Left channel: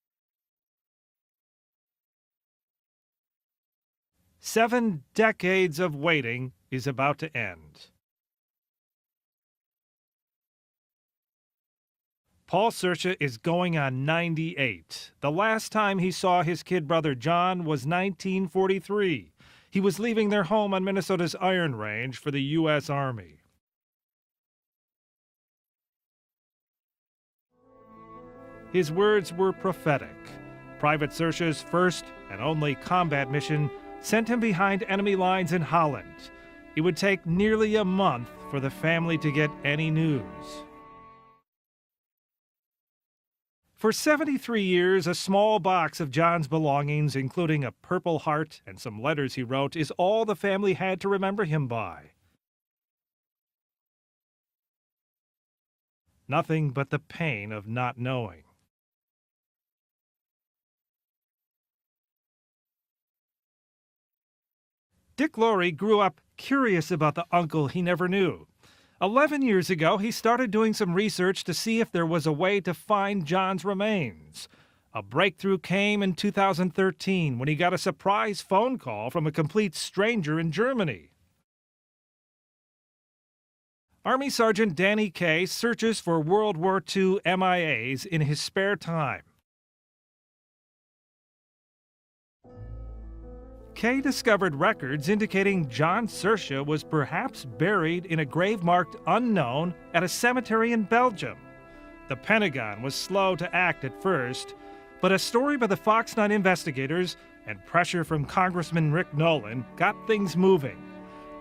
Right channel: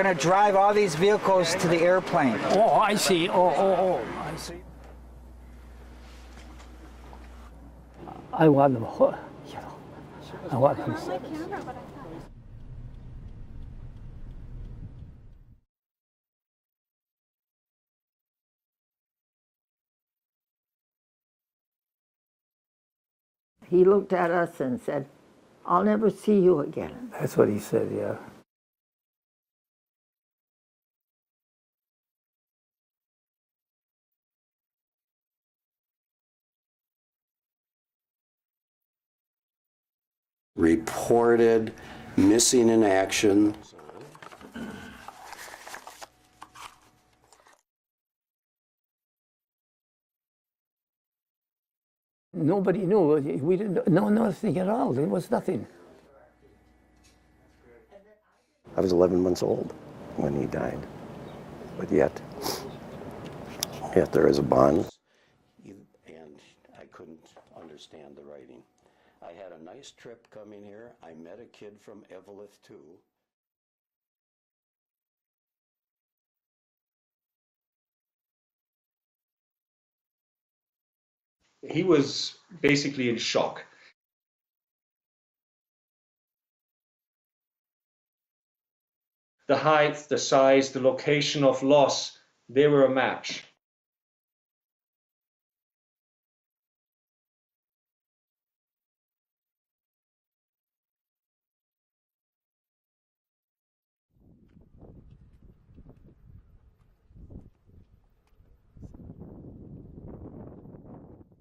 We're going to drive all these vehicles to the airplane. Oh, I see. Oh. I see. 7 decades of waiting is about to end. I want them, I want them. Paul Sarsha is going on 98. The last time he saw his kid brother John was 1943. He was leaving their home on Minnesota's Iron Range for the U.S. Army. He looked at us and said, "I'll never see you again." That's what he said, yeah. His words were prophetic. Private Sarsha's first and only combat mission sent him behind enemy lines in Holland. It would take nearly a month for the family to get any news. Reported missing in action. For 73 years, a small box of John's belongings, including a Purple Heart and some letters he wrote, is all the family had to remember him by. Nobody knew. We didn't know nothing at all. There was nothing. Nothing but the pain of not knowing. I was 11 months old when he died, but yet there is a bond. Dick Laurie grew up curious about the uncle he never knew. 11 years ago, he started doing some research to see if there was a way to find John's remains. A breakthrough came in 2013 when he got a surprise phone call from a complete stranger in Germany. He was basically in shock. Army Sergeant Danny Kaye searches for World War II MIAs in his spare time. The height, the size, the location of loss, they were a match. Kaye discovered records indicating John Sarsha was perhaps buried in a grave marked unknown at a cemetery in Belgium. The Pentagon was slow to act at first, but a story by the Fox 9 investigators and pressure from Congressman Rick Nolan got things moving.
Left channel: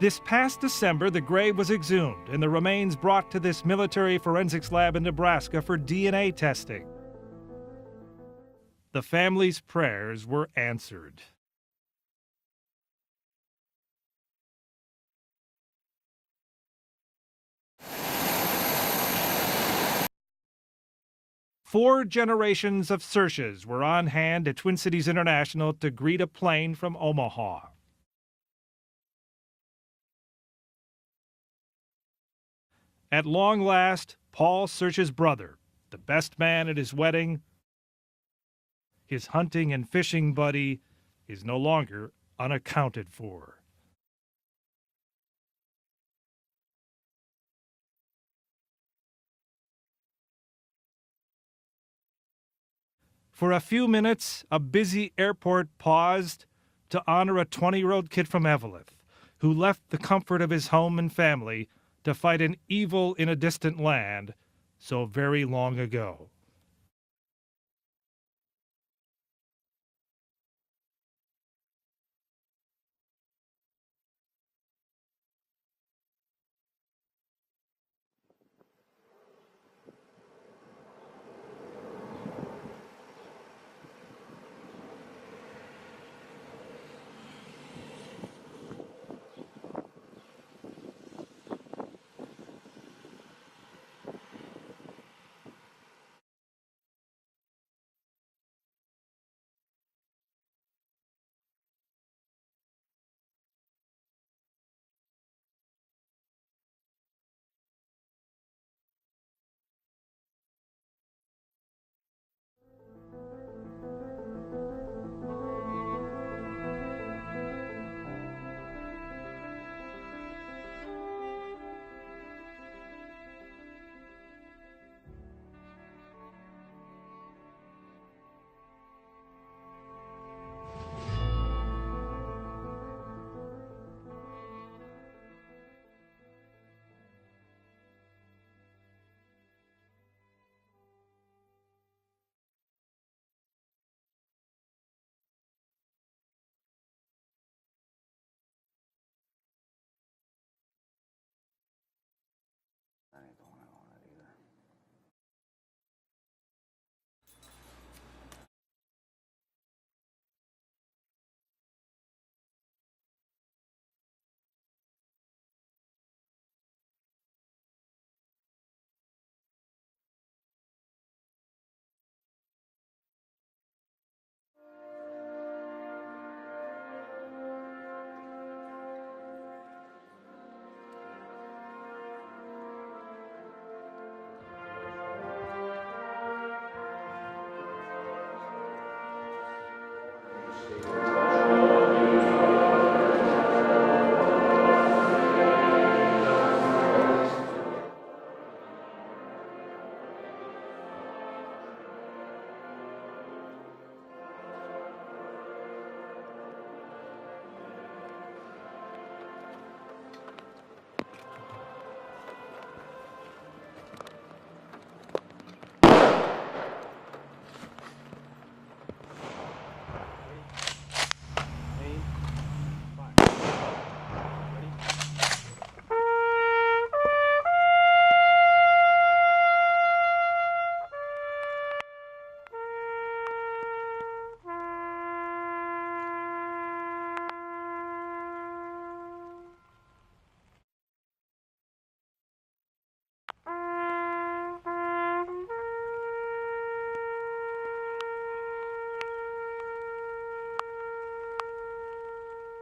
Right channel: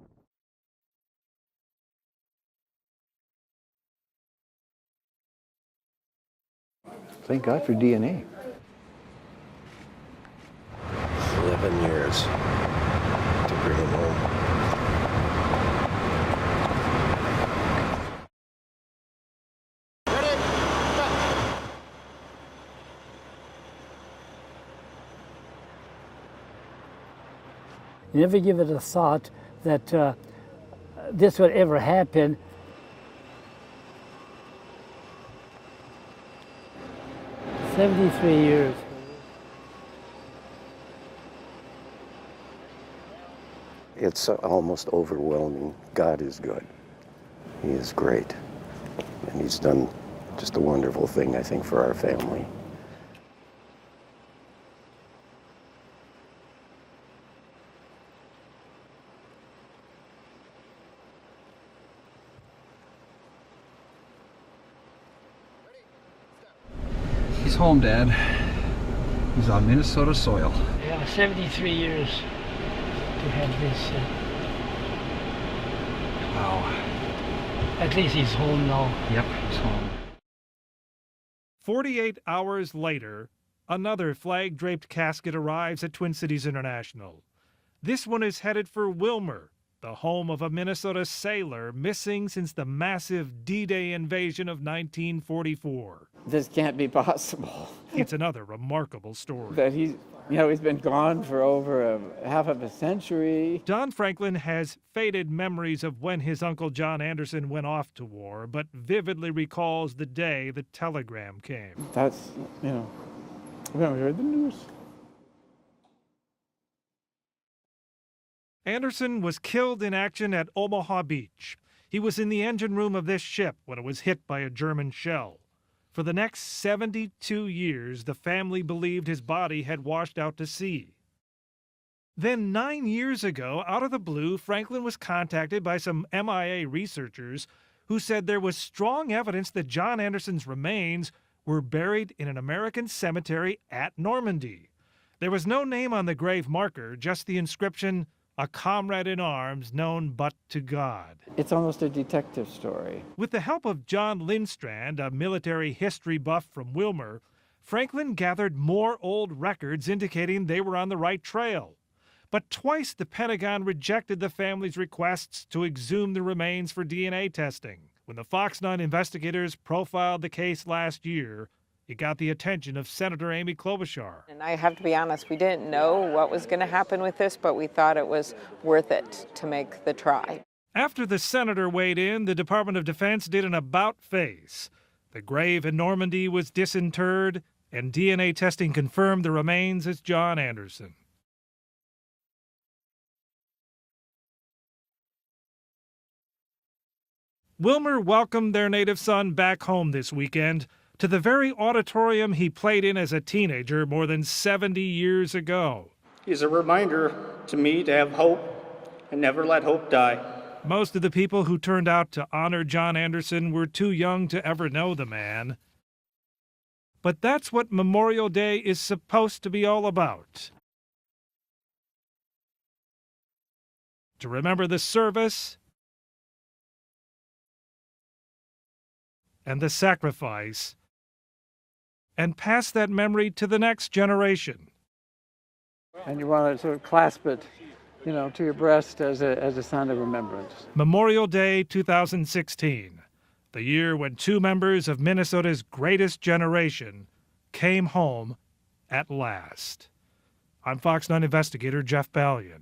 This past December, the grave was exhumed and the remains brought to this military forensics lab in Nebraska for DNA testing. Thank God for DNA. The family's prayers were answered. 11 years to bring him home. Four generations of Sarshas were on hand at Twin Cities International to greet a plane from Omaha. Never give it a thought that this would ever happen. At long last, Paul Sarsha's brother, the best man at his wedding, 73 years. his hunting and fishing buddy, is no longer unaccounted for. It's almost overwhelming. God is good. He is great. And he's done just a wonderful thing, I think, for our family. For a few minutes, a busy airport paused to honor a 20-year-old kid from Eveleth, who left the comfort of his home and family to fight an evil in a distant land so very long ago. He's home, Dad. He's on Minnesota soil. Yeah, 73 years to have this. Wow. At least he's home now. Yep, he's home. 48 hours later, another flag-draped casket arrives at Twin Cities International. This one is headed for Willmar, the home of a Minnesota sailor missing since the massive D-Day invasion of 1944. This can't be possible. It's another remarkable story. That he's been gone for over half of a century. Don Franklin has faded memories of when his uncle John Anderson went off to war, but vividly recalls the day the telegram came. That's, we haven't heard the news. Anderson was killed in action at Omaha Beach. He was in the engine room of this ship when it was hit by a German shell. For the next 72 years, the family believed his body had washed out to sea. Then 9 years ago, out of the blue, Franklin was contacted by some MIA researchers who said there was strong evidence that John Anderson's remains were buried in an American cemetery at Normandy. There was no name on the grave marker, just the inscription, "A comrade in arms known but to God." It's almost a detective story. With the help of John Lindstrand, a military history buff from Willmar, Franklin gathered more old records indicating they were on the right trail. But twice the Pentagon rejected the family's requests to exhume the remains for DNA testing. When the Fox 9 investigators profiled the case last year, it got the attention of Senator Amy Klobuchar. And I have to be honest, we didn't know what was going to happen with this, but we thought it was worth it to make the try. After the senator weighed in, the Department of Defense did an about-face. The grave in Normandy was disinterred, and DNA testing confirmed the remains as John Anderson. Wilmer welcomed their native son back home this weekend to the very auditorium he played in as a teenager more than 70 years ago. He's a reminder to me to have hope and never let hope die. Most of the people who turned out to honor John Anderson were too young to ever know the man. But that's what Memorial Day is supposed to be all about. To remember the service and the sacrifice, and pass that memory to the next generation. And you want to sort of clasp it, you know, to your breast as a sign of remembrance. Memorial Day 2016, the year when two members of Minnesota's greatest generation came home at last. I'm Fox 9 investigator Jeff Ballion.